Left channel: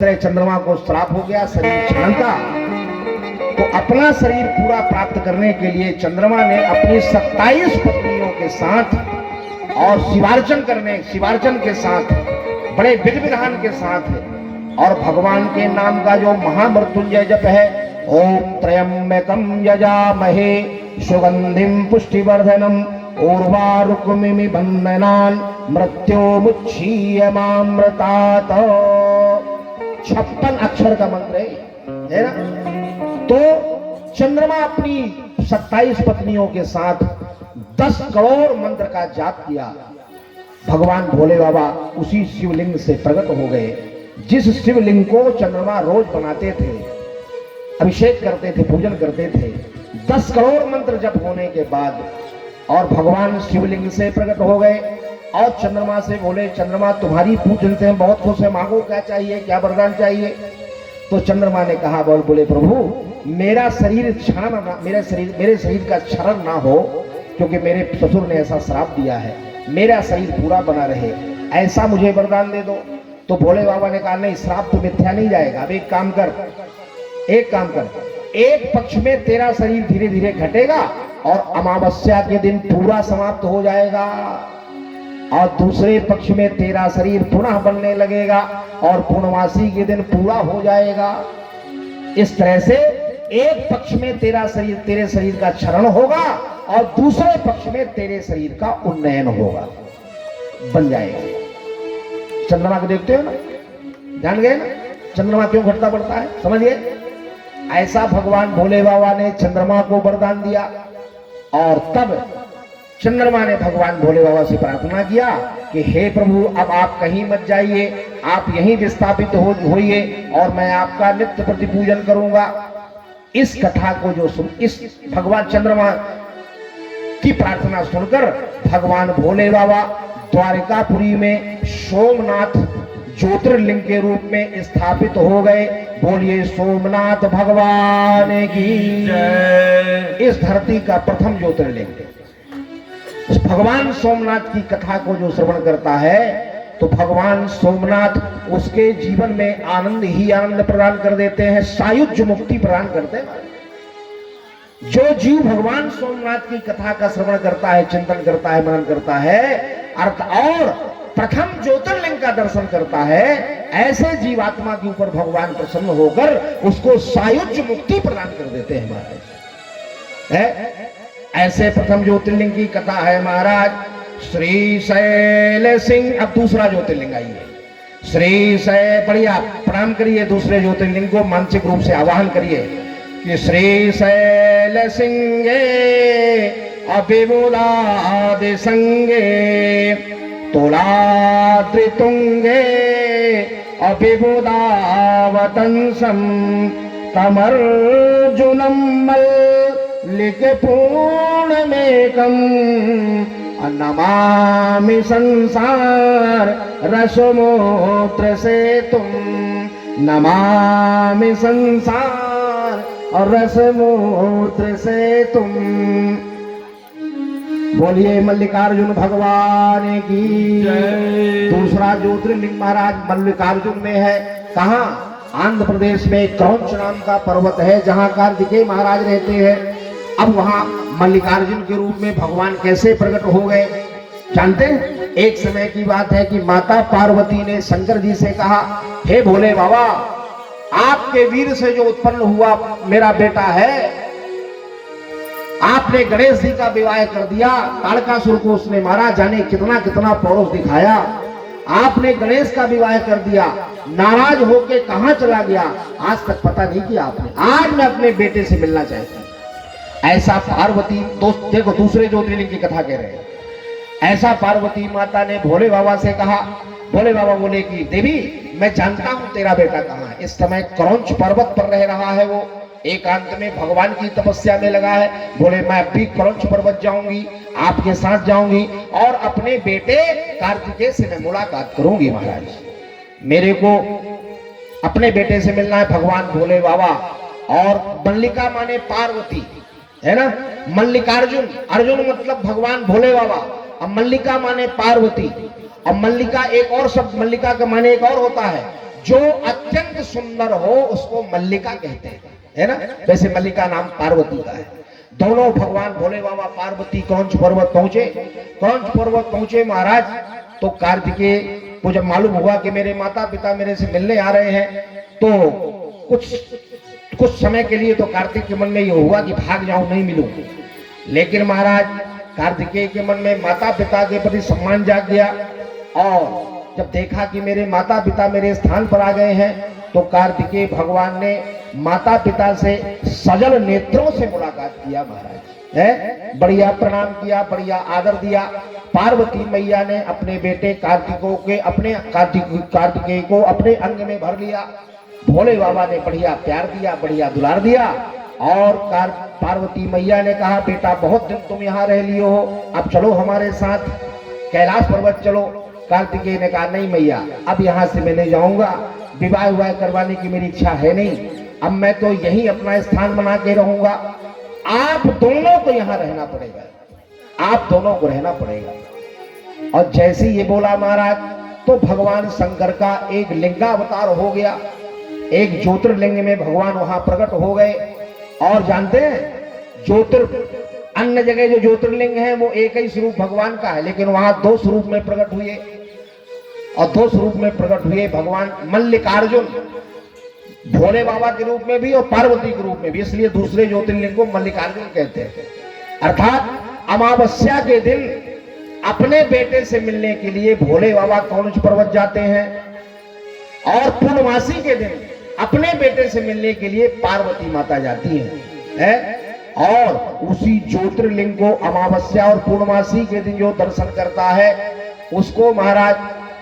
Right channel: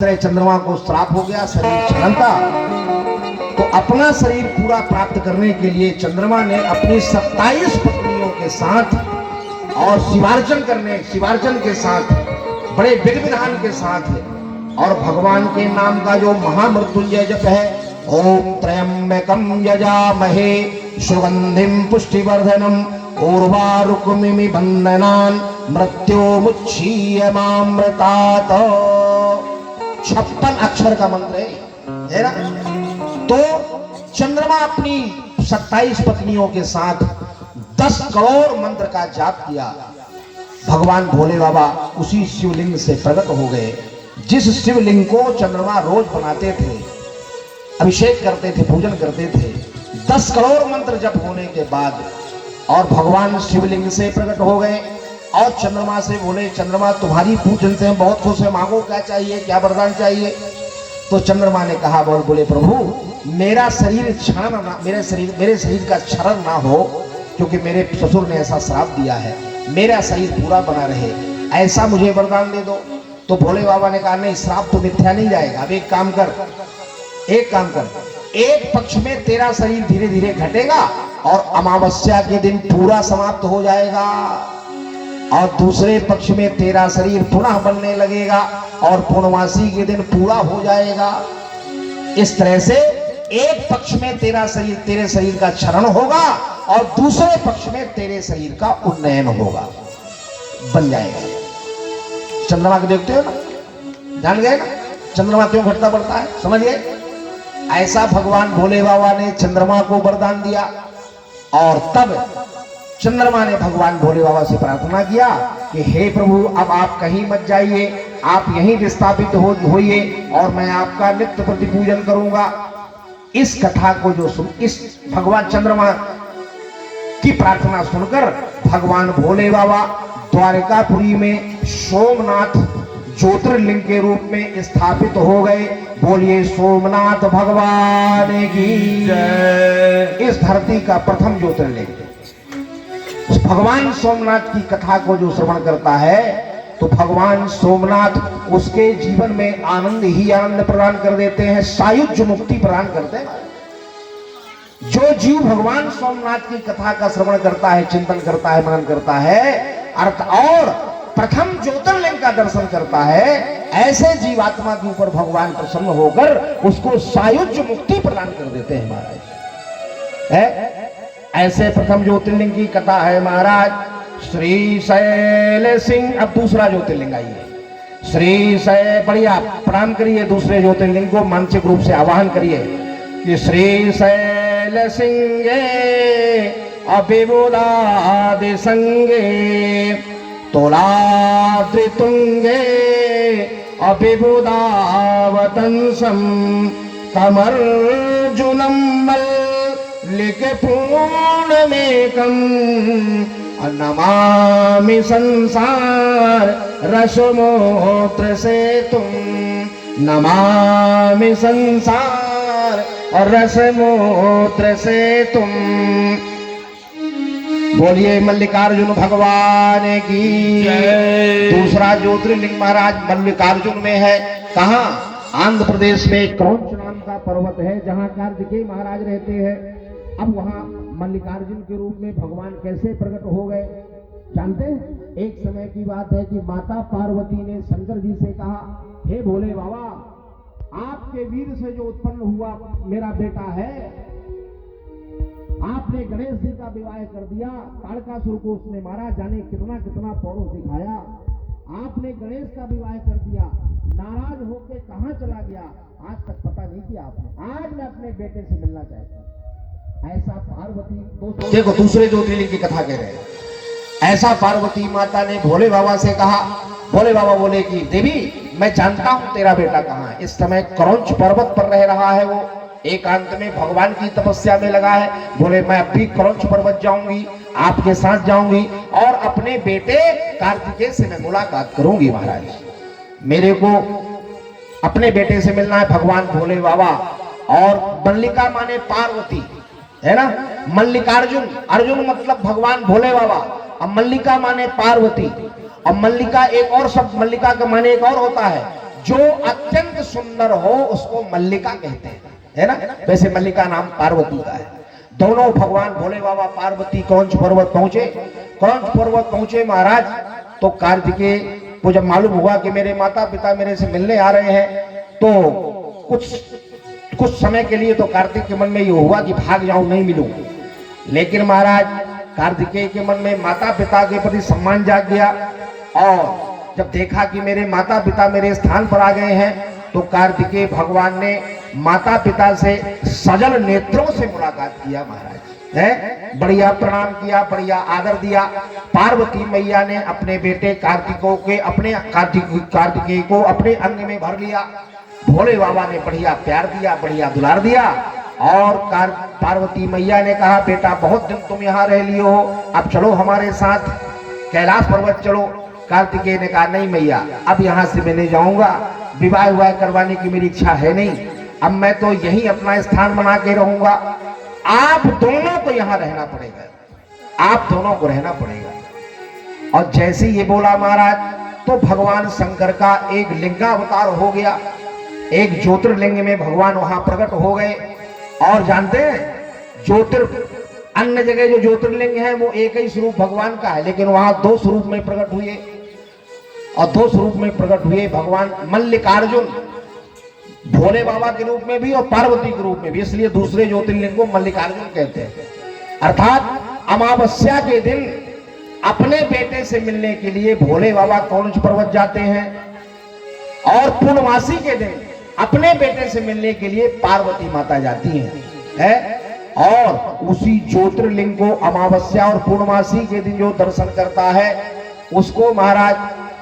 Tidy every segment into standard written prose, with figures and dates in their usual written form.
चंद्रमा को श्राप हो गया, शरीर क्षरण का। तो अपना शरीर पूरा प्राप्त करने के लिए चंद्रमा ने अपनी 27 पत्नियों के साथ और शिवार्चन के साथ बड़े विधि विधान के साथ और भगवान के नाम का जो महामृत्युंजय जप है, ओम त्र्यंबकम यजामहे सुगंधिम पुष्टिवर्धनम उर्वारुकमिमि बंधनान मृत्योमुच्छीयमामृतात् 56 अक्षर का मंत्र है ना। तो चंद्रमा अपनी 27 पत्नियों के साथ 10 करोड़ मंत्र का जाप किया। भगवान भोले बाबा उसी शिवलिंग से प्रकट हो गए, जिस शिवलिंग को चंद्रमा रोज बनाते थे, अभिषेक करते थे, पूजन करते थे। 10 करोड़ मंत्र जप होने के बाद और भगवान शिवलिंग से प्रकट हो गए और चंद्रमा से बोले, चंद्रमा तुम्हारी पूजन से हम बहुत खुश हैं, मांगो क्या चाहिए, क्या वरदान चाहिए। तो चंद्रमा ने कहा, बोले प्रभु मेरा शरीर क्षरण ना, मेरे शरीर का क्षरण ना हो, क्योंकि मेरे ससुर ने ऐसा श्राप दिया है, मेरा शरीर पूरा बना रहे, ऐसा मुझे वरदान दे दो। तो भोले बाबा ने कहा, नहीं, श्राप तो मिथ्या नहीं जाएगा। अब एक काम कर, एक पक्ष में तेरा शरीर धीरे धीरे घटेगा और अमावस्या के दिन पूरा समाप्त हो जाएगा, और दूसरे पक्ष में तेरा शरीर पुनः बनने लगेगा और पूर्णमासी के दिन पूरा हो जाएगा। इस तरह से एक पक्ष में तेरे शरीर का क्षरण होगा और दूसरे पक्ष में तेरे शरीर का उन्नयन होगा, बन जाएगा। चंद्रमा को देखते हो ना, जान गए ना चंद्रमा क्यों घटता बढ़ता है, समझिए। ऐसा भगवान भोले बाबा ने चंद्रमा को वरदान दिया। और तब चंद्रमा ने भगवान भोले बाबा से प्रार्थना किया कि हे प्रभु, अब आप कहीं मत जाइए, आप यहीं विस्थापित होइए और मैं आपका नित्य प्रति पूजन करूंगा। इस कथा को इस भगवान चंद्रमा की प्रार्थना सुनकर भगवान भोले बाबा द्वारकापुरी में सोमनाथ ज्योतिर्लिंग के रूप में स्थापित हो गए। बोलिए सोमनाथ भगवान की जय। इस धरती का प्रथम ज्योतिर्लिंग भगवान सोमनाथ की कथा को जो श्रवण करता है, तो भगवान सोमनाथ उसके जीवन में आनंद ही आनंद प्रदान कर देते हैं, सायुज्य मुक्ति प्रदान करते हैं। जो जीव भगवान सोमनाथ की कथा का श्रवण करता है, चिंतन करता है, मनन करता है, अर्थ और प्रथम ज्योतिर्लिंग का दर्शन करता है, ऐसे जीवात्मा के ऊपर भगवान प्रसन्न होकर उसको सायुज्य मुक्ति प्रदान कर देते हैं महाराज। ऐसे प्रथम ज्योतिर्लिंग की कथा है महाराज श्रीशैल सिंह। अब दूसरा ज्योतिर्लिंग आइए, श्रीशैल। बढ़िया प्रणाम करिए दूसरे ज्योतिर्लिंग को, मानसिक रूप से आवाहन करिए कि श्रीशैल सिंह अभिबुधादि संगे तुलाद्रितुंगे अभिबुधावतंसं कमर्जुनं मल्लिके पूर्णमेकं नमामि संसार रसमोत्र सेतुं, नमामि संसार और रसमोत्र सेतुं। बोलिए मल्लिकार्जुन भगवान की जय। दूसरा ज्योतिर्लिंग महाराज मल्लिकार्जुन में है। कहाँ? आंध्र प्रदेश में क्रौंच नाम का पर्वत है, जहाँ कार्तिकेय महाराज रहते हैं। अब वहाँ मल्लिकार्जुन के रूप में भगवान कैसे प्रकट हो गए जानते हैं? एक समय की बात है कि माता पार्वती ने शंकर जी से कहा, हे भोले बाबा, आपके वीर से जो उत्पन्न हुआ मेरा बेटा है, आपने गणेश जी का विवाह कर दिया, ताड़कासुर को उसने मारा, जाने कितना कितना पौरुष दिखाया। आपने गणेश का विवाह कर दिया, नाराज होके कहां चला गया, आज तक पता नहीं किया आपने। आज मैं अपने बेटे से मिलना चाहता हूं। ऐसा पार्वती, देखो दूसरे ज्योतिर्लिंग की कथा कह रहे हैं। ऐसा पार्वती माता ने भोले बाबा से कहा। भोले बाबा बोले कि देवी, मैं जानता हूं तेरा बेटा कहाँ है। इस समय क्रौंच पर्वत पर रह रहा है, वो एकांत में भगवान की तपस्या में लगा है। बोले मैं अभी क्रौंच पर्वत जाऊंगी, आपके साथ जाऊंगी और अपने बेटे कार्तिकेय से मैं मुलाकात करूंगी। महाराज, मेरे को अपने बेटे से मिलना है। भगवान भोले बाबा और मल्लिका माने पार्वती है ना, मल्लिकार्जुन, अर्जुन मतलब भगवान भोले बाबा, और मल्लिका माने पार्वती। अब मल्लिका एक और शब्द, मल्लिका का माने एक और होता है, जो अत्यंत सुंदर हो उसको मल्लिका कहते हैं, है ना। वैसे मल्लिका नाम पार्वती का है। दोनों भगवान भोले बाबा पार्वती क्रौंच पर्वत पहुंचे। क्रौंच पर्वत पहुंचे महाराज, तो कार्तिकेय को जब मालूम हुआ कि मेरे माता पिता मेरे से मिलने आ रहे हैं, तो कुछ समय के लिए तो कार्तिक के मन में ये हुआ कि भाग जाऊं, नहीं मिलूं। लेकिन महाराज कार्तिकेय के मन में माता पिता के प्रति सम्मान जाग गया, और जब देखा कि मेरे माता पिता मेरे स्थान पर आ गए हैं, तो कार्तिकेय भगवान ने माता पिता से सजल नेत्रों से मुलाकात किया महाराज, है बढ़िया प्रणाम किया, बढ़िया आदर दिया। पार्वती मैया ने अपने बेटे कार्तिकेय को अपने अंग में भर लिया। भोले बाबा ने बढ़िया प्यार दिया, बढ़िया दुलार दिया, और पार्वती मैया ने कहा बेटा बहुत दिन तुम यहाँ रह लियो हो, अब चलो हमारे साथ कैलाश पर्वत चलो। कार्तिकेय ने कहा नहीं मैया, अब यहाँ से मैं नहीं जाऊंगा, विवाह करवाने की मेरी इच्छा है नहीं, अब मैं तो यही अपना स्थान बना के रहूंगा, आप दोनों को यहाँ रहना पड़ेगा, आप दोनों को रहना पड़ेगा। और जैसे ये बोला महाराज, तो भगवान शंकर का एक लिंगावतार हो गया, एक ज्योतिर्लिंग में भगवान वहां प्रकट हो गए। और जानते हैं अन्य जगह जो ज्योतिर्लिंग है वो एक ही स्वरूप भगवान का है, लेकिन वहां दो स्वरूप में प्रकट हुए, और दो स्वरूप में प्रकट हुए भगवान मल्लिकार्जुन, भोले बाबा के रूप में भी और पार्वती के रूप में भी, इसलिए दूसरे ज्योतिर्लिंग को मल्लिकार्जुन कहते हैं। अर्थात अमावस्या के दिन अपने बेटे से मिलने के लिए भोले बाबा क्रौंच पर्वत जाते हैं, और पूर्णमासी के दिन अपने बेटे से मिलने के लिए पार्वती माता जाती है? और उसी ज्योतिर्लिंग को अमावस्या और पूर्णमासी के दिन जो दर्शन करता है उसको महाराज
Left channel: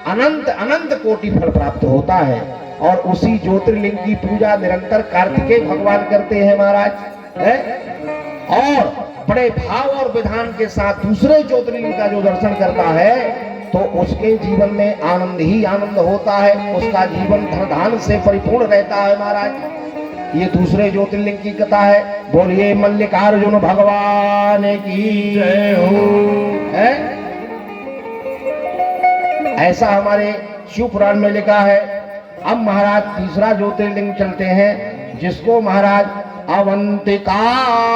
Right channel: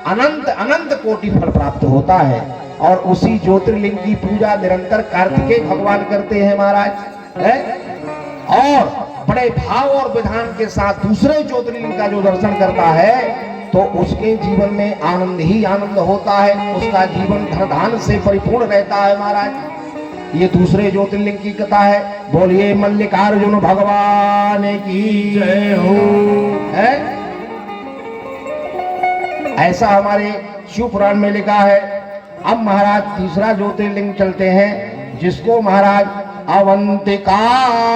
अनंत अनंत कोटि फल प्राप्त होता है। और उसी ज्योतिर्लिंग की पूजा निरंतर कार्तिकेय भगवान करते हैं महाराज, है? और बड़े भाव और विधान के साथ दूसरे ज्योतिर्लिंग का जो दर्शन करता है तो उसके जीवन में आनंद ही आनंद होता है, उसका जीवन धन धान से परिपूर्ण रहता है महाराज। ये दूसरे ज्योतिर्लिंग की कथा है। बोलिए मल्लिकार्जुन भगवान की जय हो, है? ऐसा हमारे शिव पुराण में लिखा है। अब महाराज तीसरा ज्योतिर्लिंग चलते हैं, जिसको महाराज अवंतिकायाम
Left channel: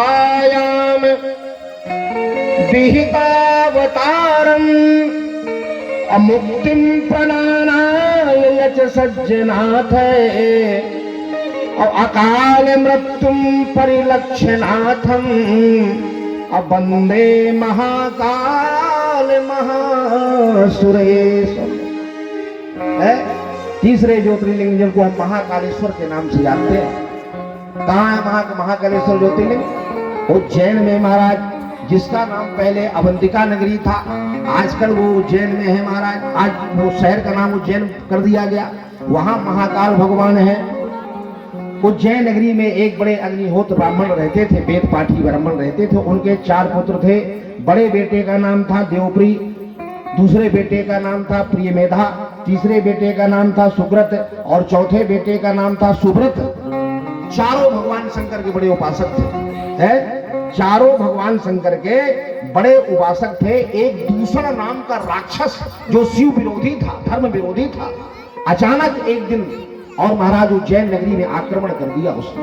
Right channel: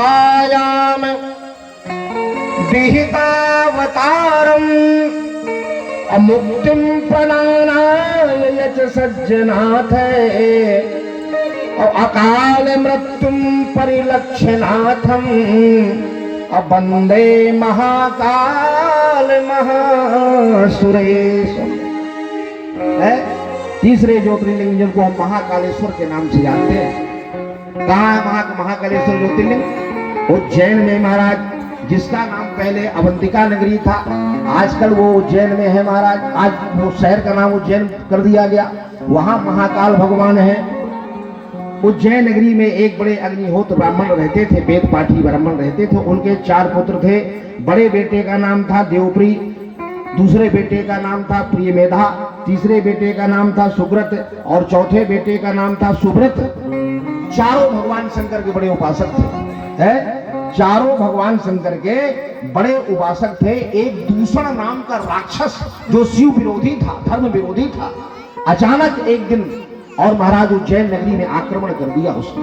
विहितावतारम अमुक्तिम प्रणानाय यच सज्जनाथ अकाल मृत्युम परिलक्षणाथम वंदे महाकाल महासुरेश, है? तीसरे ज्योतिर्लिंग जिनको हम महाकालेश्वर के नाम से जानते हैं। कहाँ है महाकालेश्वर ज्योतिर्लिंग? उज्जैन में महाराज, जिसका नाम पहले अवंतिका नगरी था, आजकल वो उज्जैन में है महाराज। आज वो शहर का नाम उज्जैन कर दिया गया, वहां महाकाल भगवान है। उज्जैन नगरी में एक बड़े अग्निहोत्र ब्राह्मण रहते थे, वेद पाठी ब्राह्मण रहते थे। उनके 4 पुत्र थे। बड़े बेटे का नाम था देवप्री, दूसरे बेटे का नाम था प्रियमेधा, तीसरे बेटे का नाम था सुब्रत, और चौथे बेटे का नाम था सुब्रत। चारों भगवान शंकर के बड़े उपासक थे, है? चारों भगवान शंकर के बड़े उपासक थे। एक दूसरा नाम का राक्षस जो शिव विरोधी था, धर्म विरोधी था, अचानक एक दिन और महाराज उज्जैन नगरी में आक्रमण कर दिया उसने।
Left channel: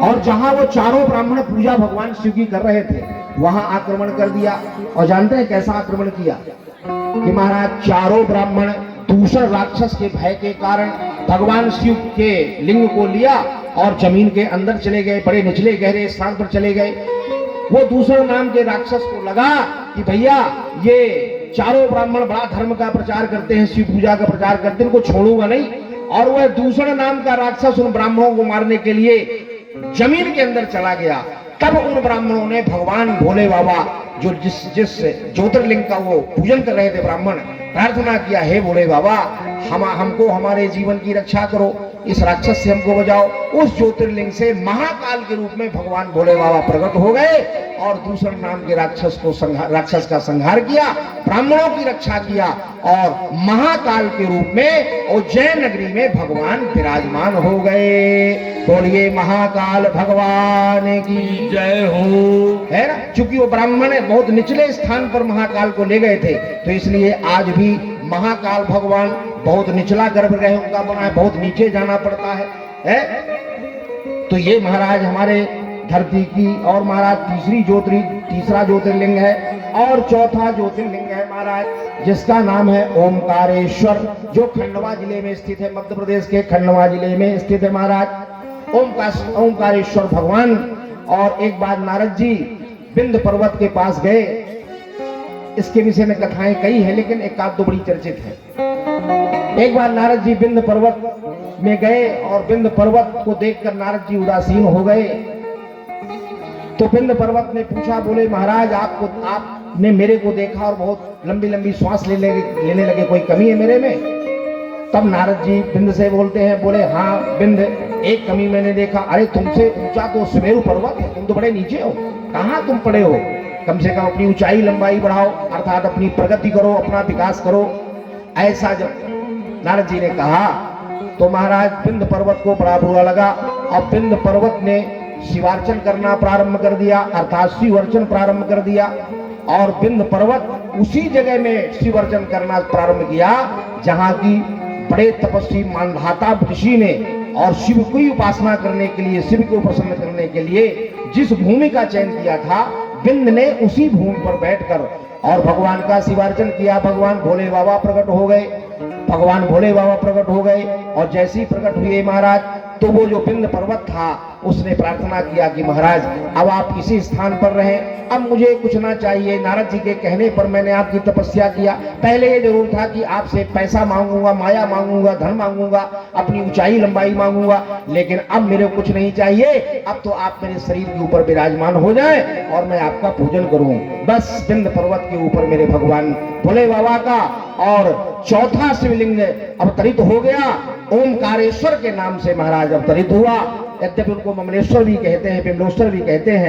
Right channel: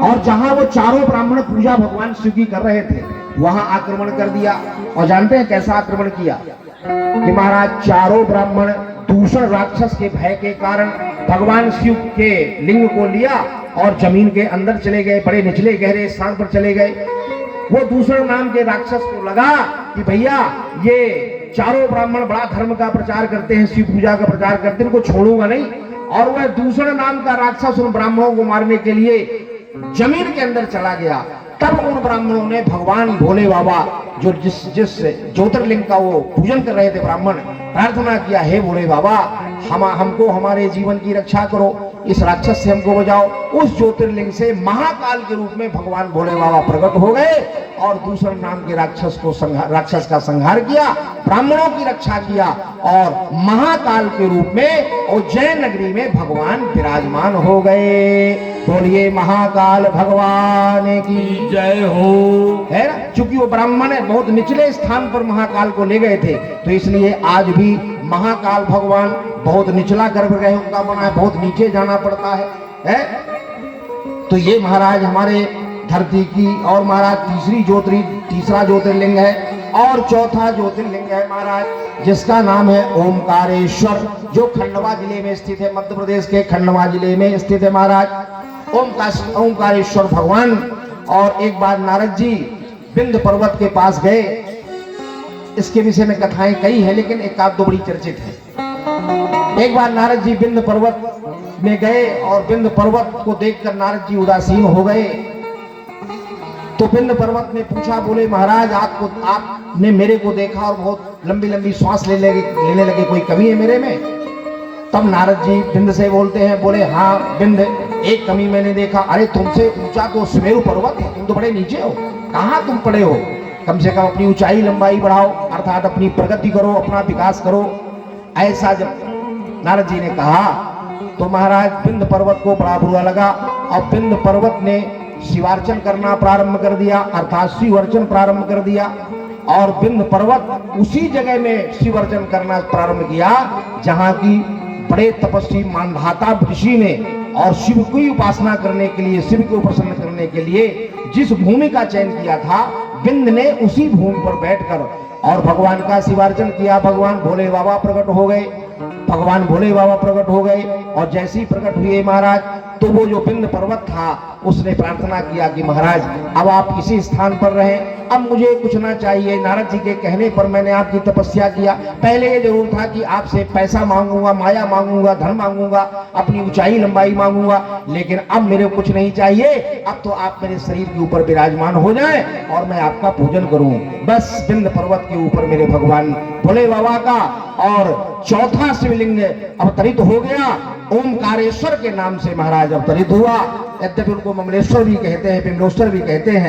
और जहां वो चारों ब्राह्मण पूजा भगवान शिव की कर रहे थे वहां आक्रमण कर दिया। और जानते हैं कैसा आक्रमण किया? कि महाराज चारों ब्राह्मण दूसरे राक्षस के भय के कारण भगवान शिव के लिंग को लिया और जमीन के अंदर चले गए, बड़े निचले गहरे स्थान पर चले गए। वो दूसरे नाम के राक्षस को लगा कि भैया ये चारों ब्राह्मण बड़ा धर्म का प्रचार करते हैं, शिव पूजा का प्रचार करते हैं, इनको छोड़ूंगा नहीं। और वह दूसरा नाम का राक्षस उन ब्राह्मणों को मारने के लिए जमीन के अंदर चला गया। तब उन ब्राह्मणों ने भगवान भोले बाबा जो जिस ज्योतिर्लिंग का वो पूजन कर रहे थे ब्राह्मण, प्रार्थना किया, हे भोले बाबा हमको हमारे जीवन की रक्षा करो, इस राक्षस से हमको बचाओ। उस ज्योतिर्लिंग से महाकाल के रूप में भगवान भोले बाबा प्रकट हो गए और दूसरे नाम के राक्षस का संहार किया, ब्राह्मणों की रक्षा किया और महाकाल के रूप में उज्जैन नगरी में भगवान विराजमान हो गए। बोलिए महाकाल भगवान की जय हो। है ना, चूंकि वो ब्राह्मण है, बहुत निचले स्थान पर महाकाल को ले गए थे, तो इसलिए आज भी महाकाल भगवान बहुत निचला गर्भगृह उनका बना है, बहुत नीचे जाना पड़ता है? तो ये महाराज हमारे धरती की और महाराज तीसरा ज्योतिर्लिंग है और चौथा ज्योतिर्लिंग है महाराज, जिसका नाम है ओमकारेश्वर, जो खंडवा जिले में स्थित है, मध्य प्रदेश के खंडवा जिले में स्थित है महाराज ओमकारेश्वर भगवान। और एक बार नारद जी विंध्य पर्वत के पास गए, इसके विषय में कथाएं कई हैं लेकिन एक आध दो बड़ी चर्चित है। एक बार नारद जी विंध्य पर्वत में गए और विंध्य पर्वत को देखकर नारद जी उदासीन हो गए। तो विंध्य पर्वत ने पूछा, बोले महाराज आपने मेरे को देखा और बहुत लंबी लंबी श्वास लेने लगे, कोई कमी है मेरे में? तब नारद जी विंध्य से बोलते हैं, बोले हाँ विंध्य, एक कमी मैंने देखा। अरे तुमसे ऊंचा तो सुमेरु पर्वत है, तुम तो बड़े नीचे हो, कहाँ तुम पड़े हो? कम से कम अपनी ऊंचाई लंबाई बढ़ाओ, अर्थात अपनी प्रगति करो, अपना विकास करो। ऐसा जब नारद जी ने कहा तो महाराज विंध्य पर्वत को बड़ा बुरा लगा और विंध्य पर्वत ने शिवार्चन करना प्रारंभ कर दिया, अर्थात शिव अर्चन प्रारंभ कर दिया। और विंध्य पर्वत उसी जगह में शिव अर्चन करना प्रारंभ किया जहां की बड़े तपस्वी मानधाता ऋषि ने और शिव की उपासना करने के लिए, शिव को प्रसन्न करने के लिए जिस भूमि का चयन किया था, विंध्य ने उसी भूमि पर बैठकर और भगवान का शिवार्चन किया। भगवान भोले बाबा प्रकट हो गए, भगवान भोले बाबा प्रकट हो गए और जैसे ही प्रकट हुए महाराज, तो वो जो विंध्य पर्वत था उसने प्रार्थना किया कि महाराज अब आप इसी स्थान पर रहें, अब मुझे कुछ ना चाहिए। नारद जी के कहने पर मैंने आपकी तपस्या किया। पहले ये जरूर था कि आपसे पैसा मांगूंगा, माया मांगूंगा, धन मांगूंगा, अपनी ऊंचाई लंबाई मांगूंगा, लेकिन अब मेरे को कुछ नहीं चाहिए। अब तो आप मेरे शरीर के ऊपर विराजमान हो जाएं और मैं आपका पूजन करूं। बस विंध्य पर्वत के ऊपर मेरे भगवान भोले बाबा का और चौथा शिवलिंग अवतरित हो गया, ओमकारेश्वर के नाम से महाराज अवतरित हुआ। यद्यपि उनको ममलेश्वर भी कहते हैं, बिमलेश्वर भी कहते हैं।